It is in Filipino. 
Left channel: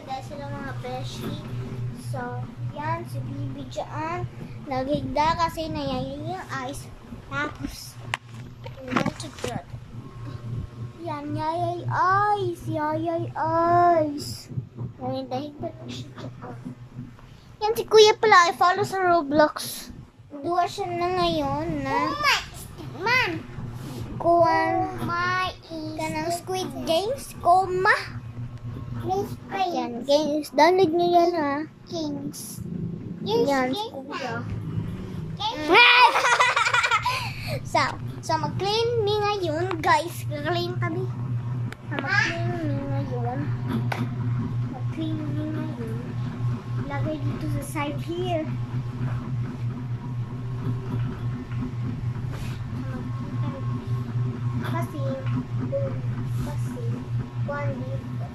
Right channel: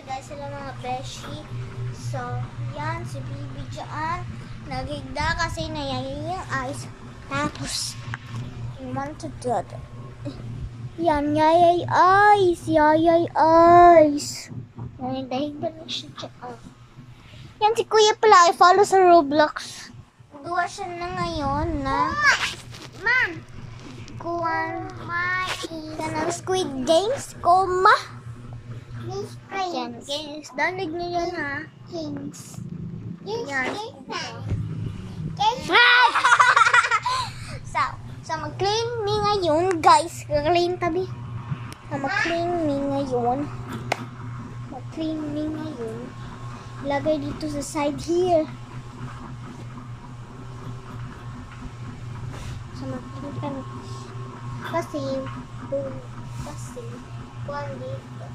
Hi guys, hello mga beshi. So, yan, si Bibi dyan. Naghigda kasi nayayay yung eyes. Tapos, yan, yayay eyes. Yayay eyes. Nahigda na siya dyan. Yan, si Kuya pala ay follow sa Roblox. Duwa siya na ngayon na ng Squid Games. Koma. Yan, games. Download nyo yan ha. Games. Yan. So, mag-clean me ngayon, guys. Clean tabi. Mag-clean me ngayon. Mag-clean me ngayon. Lagay dito sa side here. So, mag-clean kami. Kasi, one dito.